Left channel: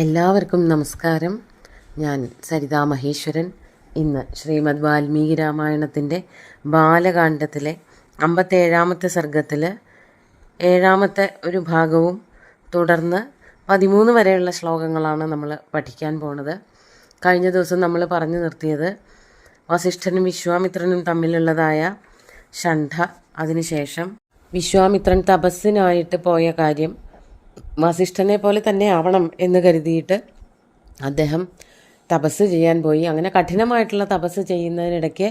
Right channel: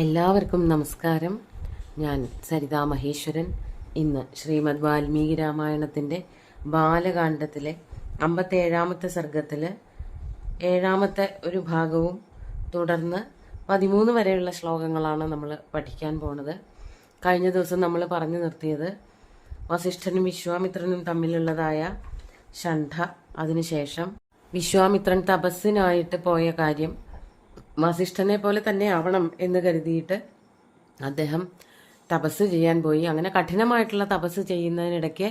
എല്ലാവർക്കും നമസ്കാരം. ഞാൻ സരിതാ മഹേശ്വരൻ. ഇന്ന് ശ്രീമദ് വാൽമീകി രാമായണത്തിൻ്റെ ബാലകാണ്ഡത്തിലെ 57-ാമത്തെ സർഗത്തിൽ 7-ാമത്തെ ഒരു ഭാഗവും തുടർന്ന് 13 വരെയുള്ള ശ്ലോകങ്ങളാണ് നമ്മൾ പഠിക്കാൻ പോണത്. കഴിഞ്ഞ ദിവസം നമ്മൾ പറഞ്ഞു നിർത്തിയത് വസിഷ്ഠനും വിശ്വാമിത്രനും തമ്മിലുള്ളതായ ഷണ്ഠ, അതിനുശേഷം വിശ്വാമിത്രൻ തപസ്സിനായിട്ട് പോയ കാര്യം, വസിഷ്ഠനെ പോലെ തന്നെ ആവണം എന്ന് കരുതിയിട്ട് അദ്ദേഹം തപസ് ചെയ്യാൻ പോയി. അങ്ങനെ കഠിനമായിട്ടുള്ള തപസ് ചെയ്യുന്നതിനിടയ്ക്ക്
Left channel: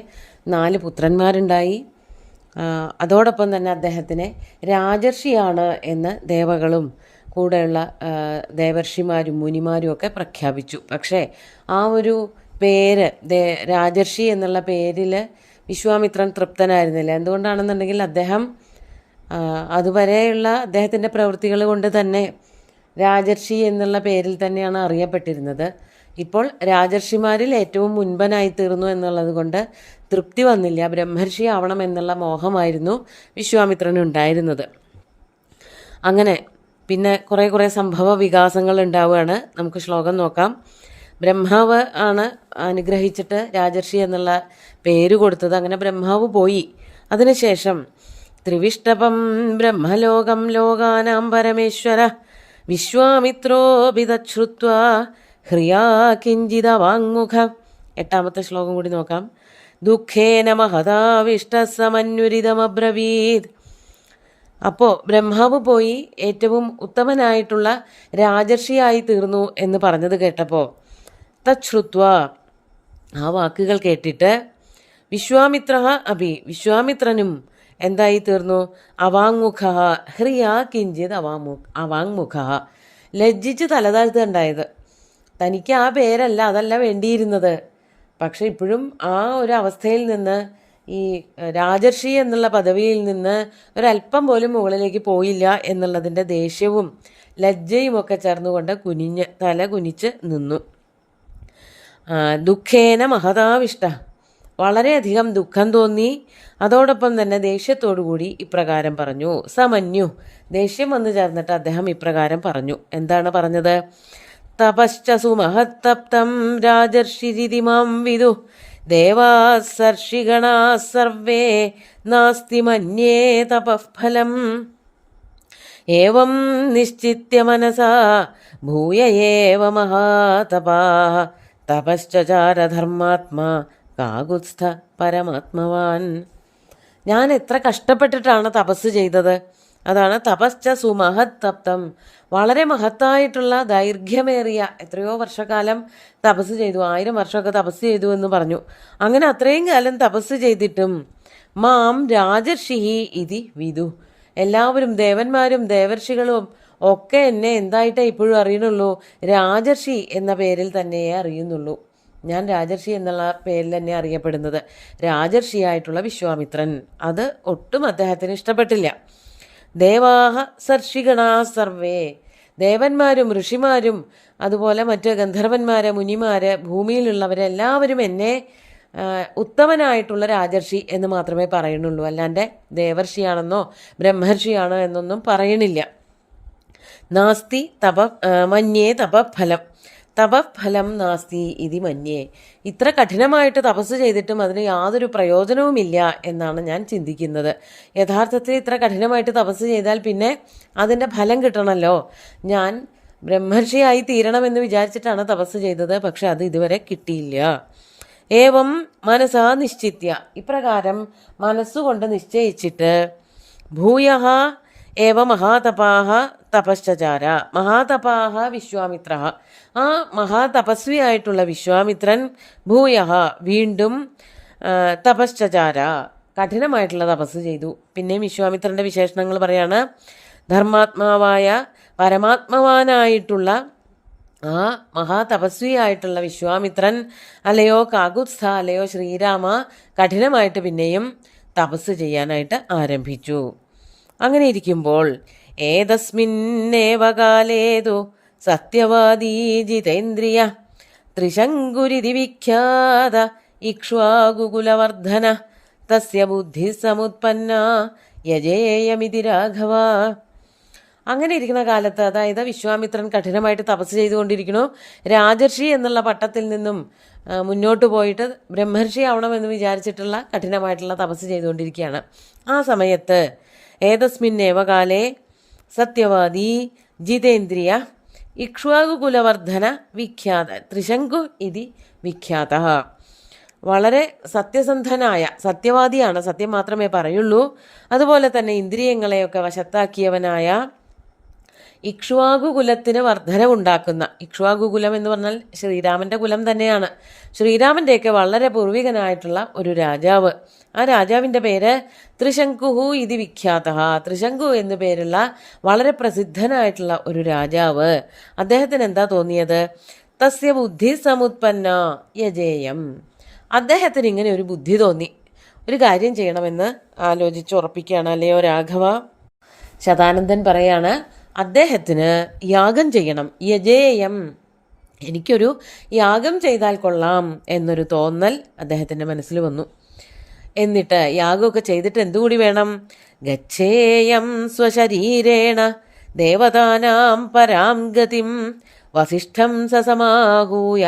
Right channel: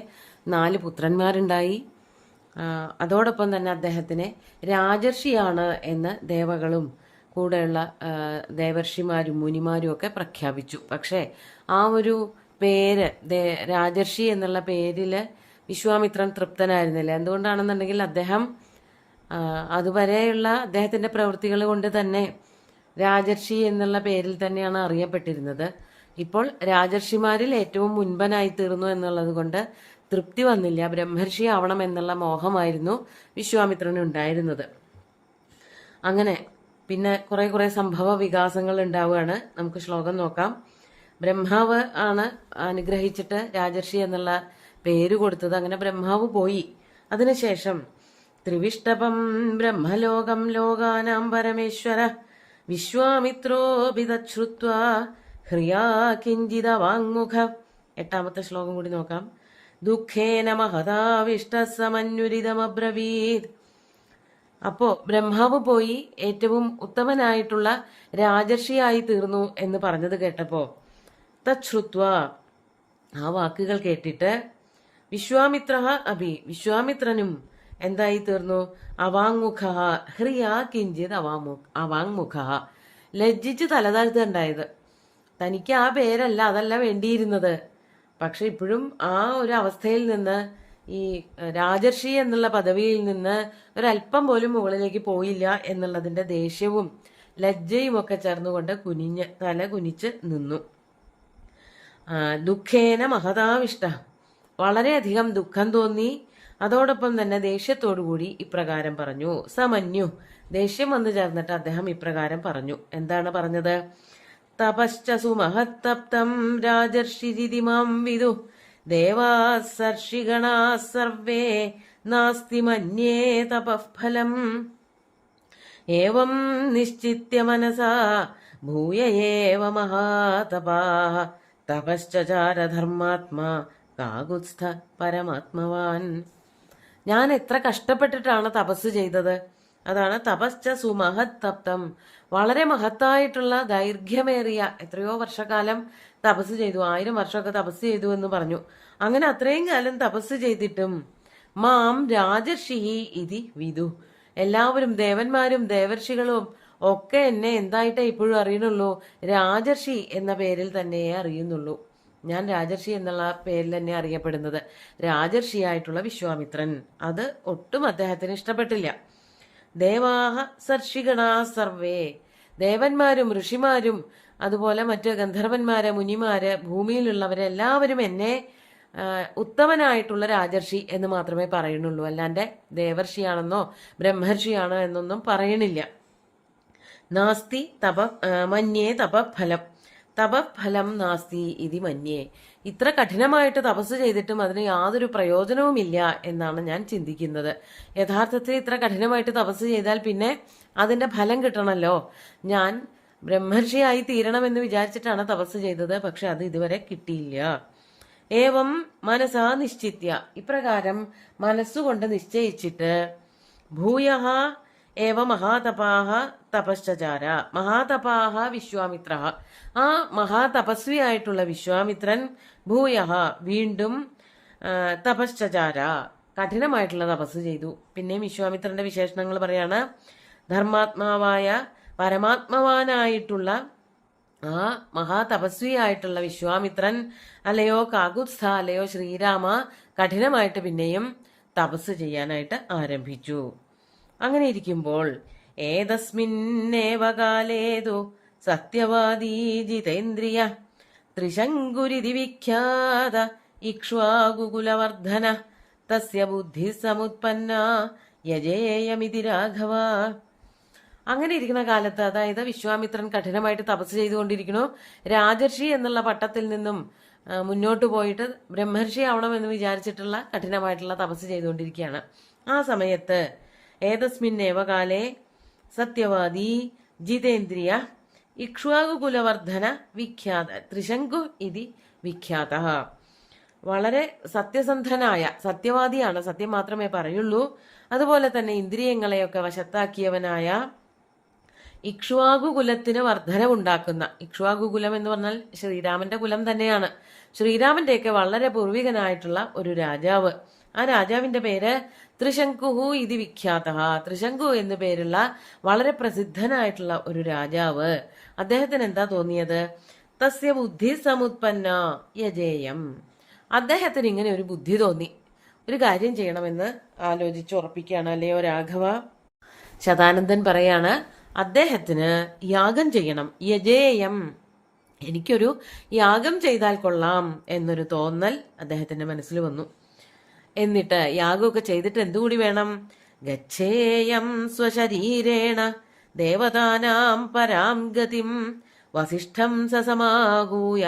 4 പുത്രന്മാരുണ്ടായി. അതോടൊപ്പം തന്നെ അദ്ദേഹത്തിനെ രാജർഷിയാണ് എന്ന് ദേവകളും കൂടെയുള്ള ദേവർഷിമാരും മുനിമാരും ഒക്കെ പ്രഖ്യാപിച്ചു. പക്ഷേ ആ ഒരു പേര് രാജർഷി എന്നുള്ള പേരിൽ വിശ്വാമിത്രൻ തൃപ്തനായിരുന്നില്ല. എന്തുകൊണ്ടാണെന്നുണ്ടെങ്കിൽ അദ്ദേഹം അതുവരെയുള്ള അദ്ദേഹത്തിൻ്റെ പ്രവൃത്തികൾ കൊണ്ട് തന്നെ രാജർഷി എന്നുള്ള പേരിൽ തന്നെയാണ് അറിയപ്പെട്ടിരുന്നത്. ഇപ്പോൾ രാജർഷിമാരിൽ ഏറ്റവും മുൻപനായി തീർന്നു എന്നുള്ളത് കൊണ്ട് തൃപ്തി വന്നില്ല. ബ്രഹ്മർഷി ആവണം എന്നുള്ള മോഹമായിരുന്നു വിശ്വാമിത്രനുണ്ടായിരുന്നത്. അങ്ങനെ പിന്നെ കുറേ സംഭവ വികാസങ്ങൾ ഉണ്ടാവുകയാണ്. നമുക്ക് ശ്ലോകം നോക്കാം. ബ്രഹ്മാവ് ആണ് അനുഗ്രഹിച്ചിട്ട് രാജർഷി എന്നുള്ള പേര് കൊടുത്തത്. അങ്ങനെ ബ്രഹ്മാവ് പോയി. അതിനുശേഷം ത്രിവിഷ്ടപം ബ്രഹ്മലോകം ലോകാനാം പരമേശ്വര വിശ്വാമിത്രോപി തശ്രുത്വാ ഹ്രിയാ കിഞ്ചിത വാങ്മുഖ. 8-ാമത്തെ ശ്ലോകം കൂടി നോക്കാം. ദുഃഖേന മഹതാവിഷ്ടസമന്വരിതമബ്രവീത്. അപ്പോൾ ബ്രഹ്മാവ് പോയി ഏറ്റവും ഉത്തമനായിട്ടുള്ള രാജർഷിയായി തീർന്നു എന്ന് പറഞ്ഞത് കേട്ടപ്പോൾ തശ്രുത്വ, ആ വാക്കുകൾ കേട്ടിട്ട് വിശ്വാമിത്ര വിശ്വാമിത്രനും എന്തായി തീർന്നു? അവാങ്മുഖ ഹ്രിയാ കിഞ്ചിത് അവാങ്മുഖ, ലജ്ജിച്ച് തലതാഴ്ത്തുണ്ടായത്. തനിക്ക് ആ പേരല്ല, അതല്ല വേണ്ടിയിരുന്നത്. പക്ഷെ ഇപ്പോഴും ആ ഒരു അവസ്ഥയിൽ നിന്ന്, ഈ രാജർഷി എന്നുള്ള പദവിയിൽ നിന്ന് ഒരല്പം പോലും മുകളിലേക്ക് പോയില്ല എന്നുള്ളതിൻ്റെ ദേഷ്യവും ലജ്ജയും ഒക്കെ ചേർന്നുകൊണ്ട് തല കുനിച്ച് നിന്നു. ദുഃഖേന മഹതാവിഷ്ട, വളരെയധികം ദുഃഖം തോന്നി. അതോടൊപ്പം തന്നെ ദേഷ്യത്തോടുകൂടി ഇപ്രകാരം പറഞ്ഞു. സമന്യു, ദേഷ്യം വന്നു ചേർന്നിട്ട് അദ്ദേഹം ഇപ്രകാരം പറഞ്ഞു. എന്താണ് പറഞ്ഞത്? തപശ്ചസു മഹത്തപ്തം രാജർഷിരിതി മാം വിദു ദേവാസർഷിഗണാ സർവേ നാസ്തി മന്യേ തപഃഫലം ഏവം നിശ്ചിത്യ മനസാ ഭൂയ ഏവ മഹാതപാഃ തപശ്ചചാര ധർമാത്മാ കാകുത്സ്ഥ പരമാത്മവാൻ. ഞാൻ എത്ര കഷ്ടപ്പെട്ടിട്ടാണ് തപസ് ചെയ്തത്. അതാണ് തപശ്ച സുമഹത് തപ്തം, വളരെ മഹത്തായിട്ടുള്ള ദൈർഘ്യമേറിയ എത്രയോ വർഷക്കാലം തപസ് ചെയ്തു. 1000 വർഷമൊക്കെ തപസ് ചെയ്തു എന്ന് പറഞ്ഞു. അങ്ങനെ അത്രയും കാലം തപസ് ചെയ്തിട്ടും മാം രാജർഷി ഇതി വിദു, എല്ലാവരും ദേവന്മാരും ദേവർഷികളും ഒക്കെ എന്നെ എന്തായിട്ടേ ഇപ്പോഴും അറിയുന്നുള്ളൂ? രാജർഷി എന്ന പേരിൽ തന്നെയേ അറിയുന്നുള്ളൂ. ഞാൻ രാജർഷി എന്നുള്ള പേരിൽ തന്നെ അറിയപ്പെടുന്നത്. രാജർഷിയായിട്ടുള്ള വിശ്വാമിത്രൻ, അത് ഒട്ടും അദ്ദേഹത്തിന് ഇഷ്ടപ്പെട്ടില്ല. ദേവാഹ സർഷിഗണാ സർവേ, ദേവന്മാരും ഋഷിമാരും അതുപോലെ മറ്റ് ഗന്ധർവന്മാര് മുനിമാര് ഭൂമിയിലുള്ളവരെല്ലാവരും എന്നെ ഉത്തമനായിട്ടുള്ള രാജർഷി എന്ന് മാത്രമേ പറയുന്നുള്ളൂ. അല്ലാണ്ട് ദേവർഷിയാണെന്നോ ബ്രഹ്മർഷിയാണോ എന്നൊന്നും പറയണില്ല. നാസ്തി മന്യേ തപഫലം, തപഫലം നാസ്തി ഇതി മന്യേ. ഇത്ര കഠിനമായിട്ട് തപസ് ചെയ്തിട്ടും അതിന് യാതൊരു പ്രയോജനവുമില്ല എന്നാണ് ഞാൻ ചിന്തിക്കുന്നത്. യഥാർത്ഥത്തിൽ ഇത്ര കഠിനമായിട്ട് തപസ് ചെയ്താൽ പിന്നെ അതിൻ്റെ ഫലം കിട്ടണമല്ലോ. ഞാൻ ബ്രഹ്മർഷിയായി തീരണമെന്ന് വിചാരിച്ചിട്ടാണ് തപസ് ചെയ്തത്, പക്ഷെ അത് ഇതുവരെ കിട്ടിയില്ല. ഏവം മനസാ നിശ്ചിത്യ, ഇപ്രകാരം മനസ്സുകൊണ്ട് നിശ്ചയിച്ചിട്ട് ഭൂയഃ ഏവ മഹാതപാഃ തപശ്ചചാര, മഹാതപാഃ വിശ്വാമിത്ര, ആ മഹാതപസ്വിയായിട്ടുള്ള വിശ്വാമിത്രൻ ഭൂയഃ വീണ്ടും തപശ്ചചാര, കഠിനമായിട്ടുള്ള തപസ് ചെയ്തു. പിന്നെയും വിശ്വാമിത്രൻ്റെ വിശേഷണങ്ങൾ പറയാണ്. ധർമാത്മാവായ പരമാത്മവാനായിട്ടുള്ള ആ മഹാതപസ്വിയായിട്ടുള്ള വിശ്വാമിത്രൻ, അല്ലയോ കാകുത്സ്ഥ, അല്ലയോ ശ്രീരാമ, കഠിനമായിട്ട് പിന്നെയും തപസ് ചെയ്യാനായിട്ട് ആരംഭിച്ചു. അങ്ങനെ ഇരിക്കുമ്പോൾ ഏതസ്മിന്നേവ കാലേതു സത്യവാദീ ജിതേന്ദ്രിയ ത്രിശങ്കുരിതി വിഖ്യാത ഇക്ഷ്വാകുകുലവർദ്ധന തസ്യ ബുദ്ധി സമുത്പന്ന യജേയമിതി രാഘവ. അങ്ങനെ ഇരിക്കുന്ന കാലത്ത്, അതായത് വിശ്വാമിത്രൻ കഠിനമായിട്ട് തപസ് ചെയ്തുകൊണ്ടിരിക്കുന്നു. രാജർഷി എന്നുള്ള പട്ടത്തിൽ നിന്നും മുന്നോട്ട് പോയിട്ട് ബ്രഹ്മർഷി ആവണമെന്ന് വിചാരിച്ചിട്ടുള്ള കഠിനമായിട്ടുള്ള തപസ് ചെയ്തുകൊണ്ടിരിക്കുകയാണ്. ആ സമയത്ത് ഏതസ്മിന്നേവ കാലേ സത്യവാദി ജിതേന്ദ്രിയ ഇക്ഷ്വാകുകുലവർദ്ധന വിഖ്യാത ത്രിശങ്കു ഇതി വിഖ്യാത. വളരെ സത്യസന്ധനായ, സത്യവാദിയാണ്, സത്യം മാത്രമേ പറയുള്ളൂ, അതുപോലെ തന്നെ ഇന്ദ്രിയങ്ങളെയൊക്കെ വശത്താക്കിയവനായ ഇക്ഷ്വാകുകുലത്തിന് വർധനവുണ്ടാക്കുന്ന, ഇക്ഷ്വാകുകുലം എന്ന് പറഞ്ഞാൽ ശ്രീരാമന്റെ കുലം തന്നെയാണ്, ശ്രീരാമന്റെയൊക്കെ വളരെ പൂർവികനായിട്ടുള്ള ഒരു രാജാവ്. ആ രാജാവിന്റെ പേര് ത്രിശങ്കുഹു ഇതി വിഖ്യാത. ത്രിശങ്കു എന്നു പേരുള്ള വളരെ പ്രസിദ്ധനായിട്ടുള്ള ഒരു രാജാവ്. അദ്ദേഹത്തിന് എന്താ തോന്നിയത്? തസ്യ ബുദ്ധി സമുത്പന്ന യജേയം. അദ്ദേഹത്തിന് ഇങ്ങനെ ഒരു ബുദ്ധി തോന്നി, ഒരു കാര്യം ചെയ്യണമെന്ന് ആലോചിച്ച് ഉറപ്പിക്കുകയാണ്. അല്ലയോ രാഘവ, ശതാനന്ദൻ പറയാണ്, അദ്ദേഹത്തിന് യാഗം ചെയ്യണം. യജേയം, എനിക്കൊരു യാഗം ചെയ്താൽ കൊള്ളാം എന്നൊരു തോന്നൽ അദ്ദേഹത്തിൻ്റെ മനസ്സിൽ വന്നു. എന്നിട്ട് യാഗമൊക്കെ ചെയ്തിട്ട് എന്തുകൂടി വേണം? ഗച്ഛേയം സ്വശരീരേണ ദേവതാനാം പരാം ഗതിം വസിഷ്ഠം സസമാകൂയ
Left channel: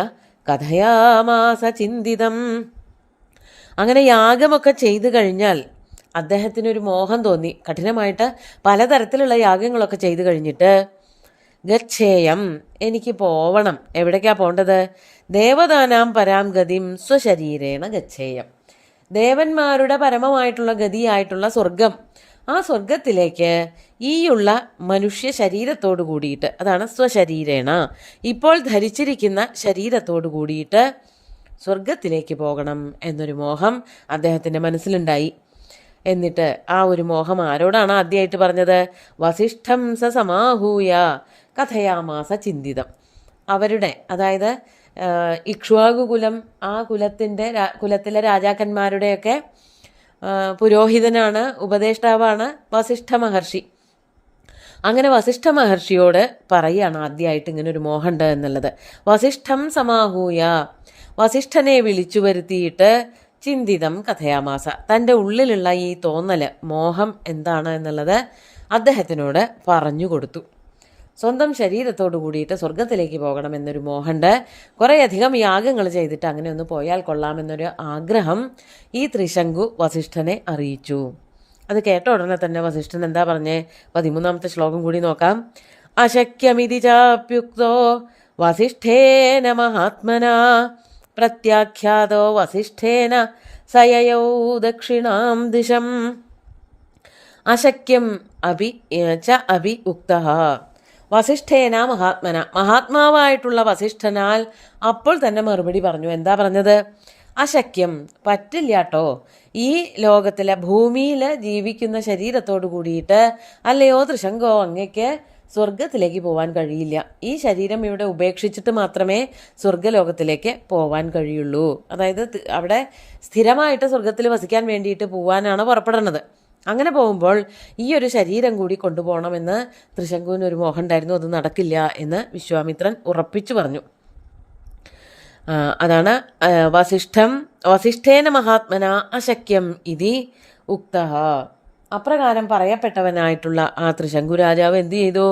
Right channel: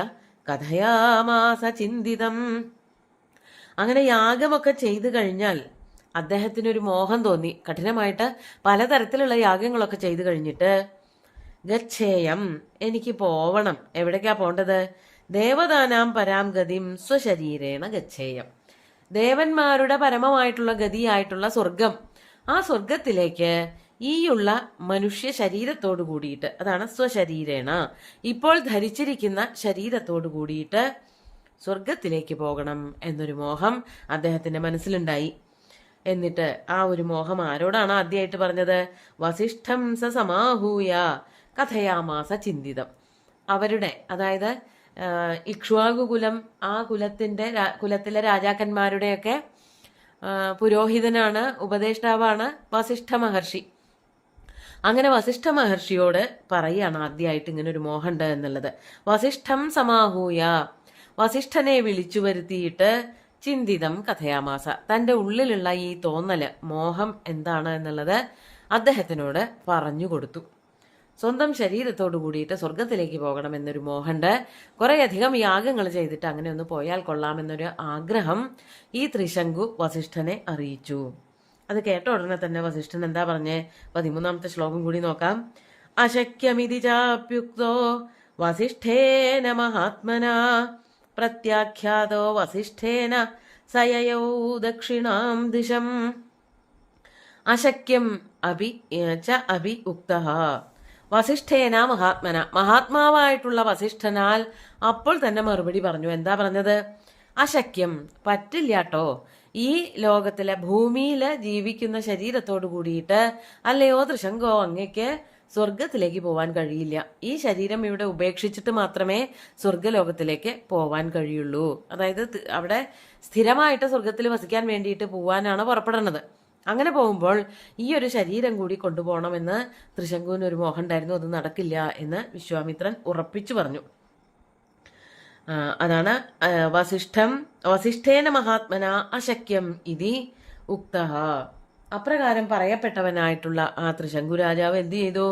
കഥയാമാസ ചിന്തിതം. അങ്ങനെ യാഗമൊക്കെ ചെയ്തു കഴിഞ്ഞാൽ അദ്ദേഹത്തിനൊരു മോഹം തോന്നി. കഠിനമായിട്ട് പലതരത്തിലുള്ള യാഗങ്ങളൊക്കെ ചെയ്തു കഴിഞ്ഞിട്ട് ഗച്ഛേയം, എനിക്ക് പോവണം. എവിടേക്കാ പോണ്ടത്? ദേവതാനാം പരാം ഗതിം സ്വശരീരേണ ഗച്ഛേയം. ദേവന്മാരുടെ പരമമായിട്ടുള്ള ഗതിയായിട്ടുള്ള സ്വർഗം, ആ സ്വർഗത്തിലേക്ക് ഈയുള്ള മനുഷ്യ ശരീരത്തോടു കൂടിയിട്ട്, അതാണ് സ്വശരീരേണ, ഇപ്പോൾ ധരിച്ചിരിക്കുന്ന ശരീരത്തോടു കൂടിയിട്ട് സ്വർഗത്തിലേക്ക് പോകണം എന്നൊരു മോഹം അദ്ദേഹത്തിൻ്റെ മനസ്സിലുണ്ടായി. എന്നിട്ട് ആ ഒരു മോഹം ആരോടാണ് ആദ്യമായിട്ട് പറഞ്ഞത്? വസിഷ്ഠം സ സമാഹൂയ കഥയാമാസ ചിന്തിതം. അവരുടെ, അതായത് ഇക്ഷ്വാകുകുലം, ആ കുലത്തിലെ രാജാക്കന്മാരുടെയൊക്കെ പുരോഹിതനാണ്, ഉപദേഷ്ടാവാണ് വസിഷ്ഠ മഹർഷി. അങ്ങനെ വസിഷ്ഠ മഹർഷിയോട് പറയുകയാണ് ആദ്യമായിട്ട് ഇങ്ങനെ ഒരു മോഹമുണ്ട് എന്നുള്ളത്. വസിഷ്ഠം സമാഹൂയ, വസിഷ്ഠനെ വിളിച്ചു വരുത്തിയിട്ട് ചിന്തിതം കഥയാമാസ, തൻ്റെ ഉള്ളിലുള്ള ഈ തോന്നൽ, മോഹം എന്താണ് എന്നുള്ളത് അദ്ദേഹത്തിനോട് പറഞ്ഞു കൊടുത്തു. സ്വന്തം ശരീരത്തോടു കൂടിയിട്ട് സ്വർഗത്തിലേക്ക് പോകണമെന്നൊരു മോഹമുണ്ട്. കുറേയധികം യാഗങ്ങൾ ചെയ്തിട്ട് അങ്ങനെ ഒന്ന് പോയാൽ കൊള്ളാമെന്നൊരു ആഗ്രഹം ഈ ത്രിശങ്കു വസിഷ്ഠനെ അറിയിച്ചു. അത് കേട്ട ഉടനെ തന്നെ വസിഷ്ഠൻ എന്താ പറഞ്ഞേ? 13ാമത്തെ ശ്ലോകം കൂടി നോക്കാം. അശക്യമിതി ചാപ്യുക്തോ വസിഷ്ഠേന മഹാത്മന പ്രത്യാഖ്യാതോ വസിഷ്ഠേന സയയൗ ദക്ഷിണാം ദിശം. അശക്യം അഭി ച അഭി ഉക്തഃ വസിഷ്ഠേന മഹാത്മന, മഹാത്മാവായിട്ടുള്ള വസിഷ്ഠനാൽ അപ്പോൾ തന്നെ മറുപടി പറഞ്ഞു. എന്താ പറഞ്ഞത്? അശക്യം, പറ്റില്ലാട്ടോ, ഈ ലോകത്തിലെ ഭൂമിയിൽ ജീവിക്കുന്ന ശരീരത്തോട് കൂടിയിട്ട് അല്ലയോ ത്രിശങ്കോ, അങ്ങയ്ക്ക് സ്വർഗത്തിലേക്ക് പോവാൻ കഴിയില്ല. ഈ ശരീരം ഇവിടെ ഉപേക്ഷിച്ചിട്ട് മാത്രമേ സ്വർഗലോകത്തിലേക്ക് പോവാൻ കഴിയുള്ളൂ. അതായത് അവിടെ സ്ഥിരമായിട്ട് സ്വർഗത്തിൽ വസിക്കാൻ വേണ്ടിയിട്ട് പോവാനാണ് പുറപ്പെടുന്നത്. അങ്ങനെ പോകുമ്പോൾ ഈ ഒരു ശരീരം കൂടി കൊണ്ടുപോകണമെന്ന് ത്രിശങ്കുവിന് ഒരു മോഹം ഉണ്ടായിരുന്നു. അത് നടക്കില്ല എന്ന് വിശ്വാമിത്രൻ ഉറപ്പിച്ചു പറഞ്ഞു. അതാണ് വസിഷ്ഠേന മഹാത്മന അശക്യം ഇതി ഉക്തഃ. അപ്രകാരം പറയപ്പെട്ടവനായിട്ടുള്ള ആ ത്രിശങ്കു രാജാവ് എന്തു ചെയ്തു?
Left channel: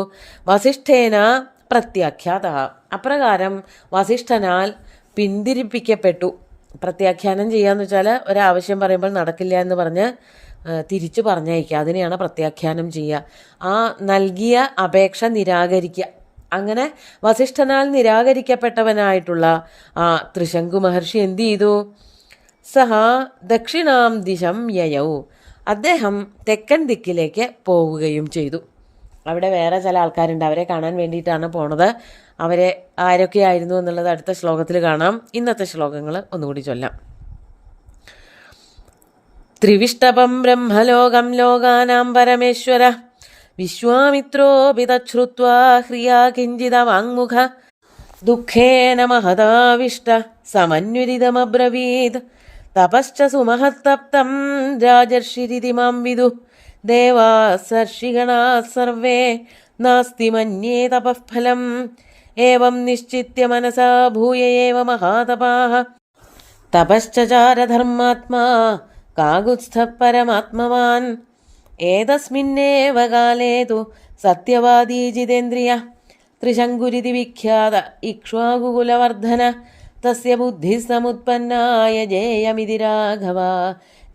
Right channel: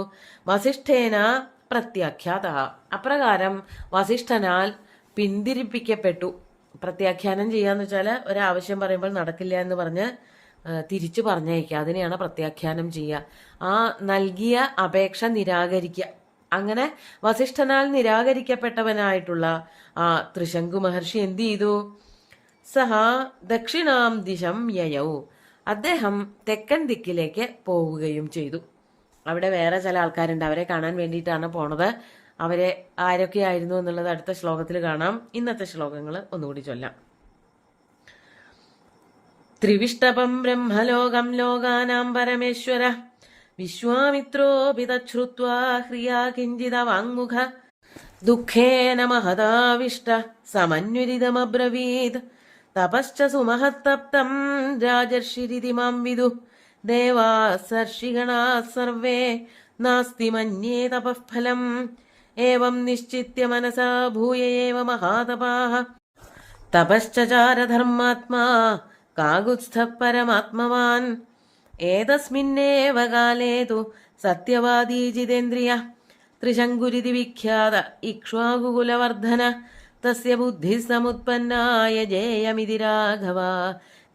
വസിഷ്ഠേന പ്രത്യാഖ്യാത, അപ്രകാരം വസിഷ്ഠനാൽ പിന്തിരിപ്പിക്കപ്പെട്ടു. പ്രത്യാഖ്യാനം ചെയ്യാന്ന് വെച്ചാൽ ഒരാവശ്യം പറയുമ്പോൾ നടക്കില്ല എന്ന് പറഞ്ഞ് തിരിച്ചു പറഞ്ഞയക്കുക, അതിനെയാണ് പ്രത്യാഖ്യാനം ചെയ്യുക. ആ നൽകിയ അപേക്ഷ നിരാകരിക്കുക. അങ്ങനെ വസിഷ്ഠനാൽ നിരാകരിക്കപ്പെട്ടവനായിട്ടുള്ള ആ ത്രിശങ്കു മഹർഷി എന്തു ചെയ്തു? സഹ ദക്ഷിണാം ദിശം യയൗ, അദ്ദേഹം തെക്കൻ ദിക്കിലേക്ക് പോവുകയും ചെയ്തു. അവിടെ വേറെ ചില ആൾക്കാരുണ്ട്, അവരെ കാണാൻ വേണ്ടിയിട്ടാണ് പോണത്. അവരെ ആരൊക്കെയായിരുന്നു എന്നുള്ളത് അടുത്ത ശ്ലോകത്തിൽ കാണാം. ഇന്നത്തെ ശ്ലോകങ്ങൾ ഒന്നുകൂടി ചൊല്ലാം. ത്രിവിഷ്ടപം ബ്രഹ്മലോകം ലോകാനാം പരമേശ്വര വിശ്വാമിത്രോപി തശ്രുത്വാ ഹ്രിയാ കിഞ്ചിത വാങ്മുഖ ദുഃഖേന മഹതാവിഷ്ട സമന്വരിതമബ്രവീത് തപശ്ച സുമഹത്തപ്തം രാജർഷിരിതി മാം വിദു ദേവാസർഷിഗണാ സർവേ നാസ്തി മന്യേ തപഃഫലം ഏവം നിശ്ചിത്യ മനസാ ഭൂയ ഏവ മഹാതപാഃ തപശ്ചാരധർമാത്മാ കാകുത്സ്ഥ പരമാത്മവാൻ ഏതസ്മിന്നേവ കാലേ തു സത്യവാദീ ജിതേന്ദ്രിയ ത്രിശങ്കുരിതി വിഖ്യാത ഇക്ഷ്വാകുകുലവർദ്ധന തസ്യ ബുദ്ധിഃ സമുത്പന്നായ ജേയമിതി രാഘവ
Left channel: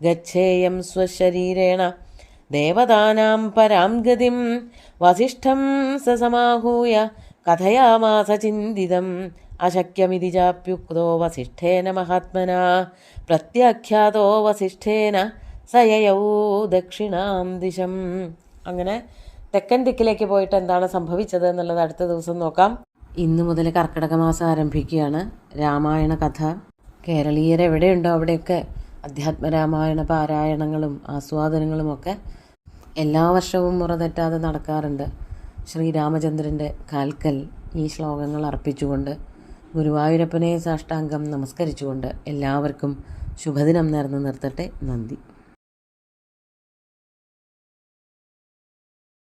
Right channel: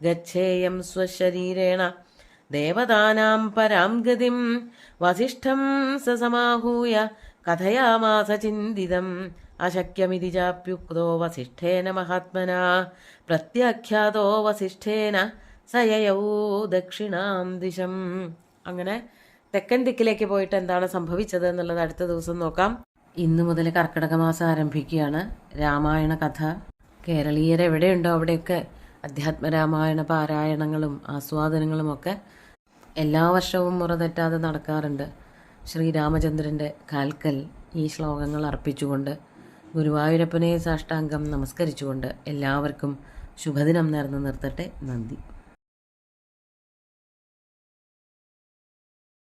ഗച്ഛേയം സ്വശരീരേണ ദേവതാനാം പരാം ഗതിം വസിഷ്ഠം സമാഹൂയ കഥയാമാസ ചിന്തിതം അശക്യമിതി ചാപ്യുക്തോ വസിഷ്ഠേന മഹാത്മനാ പ്രത്യാഖ്യാതോ വസിഷ്ഠേന സയയൗ ദക്ഷിണാം ദിശം. അങ്ങനെ തെക്കൻ ദിക്കിലേക്ക് പോയിട്ട് എന്താണ് സംഭവിച്ചത് എന്നുള്ളത് അടുത്ത ദിവസം നോക്കാം. ഇന്ന് മുതൽ കർക്കിടക മാസം ആരംഭിക്കുകയാണ്. രാമായണ കഥ കേരളീയരെവിടെയുണ്ടോ അവിടെയൊക്കെ അധ്യാത്മരാമായണ പാരായണങ്ങളും ആസ്വാദനങ്ങളും ഒക്കെ എല്ലാ വർഷവും മുറ തെറ്റാതെ നടക്കാറുണ്ട്. ശ്രീരാമചന്ദ്രൻ്റെ കാൽക്കൽ ഈ ശ്ലോകങ്ങൾ അർപ്പിച്ചുകൊണ്ട് ഗുരുവായൂരപ്പനെ സാഷ്ടാംഗം നമസ്കരിച്ചുകൊണ്ട് എല്ലാവർക്കും ശുഭദിനം നേർന്ന് നിർത്തട്ടെ. നന്ദി.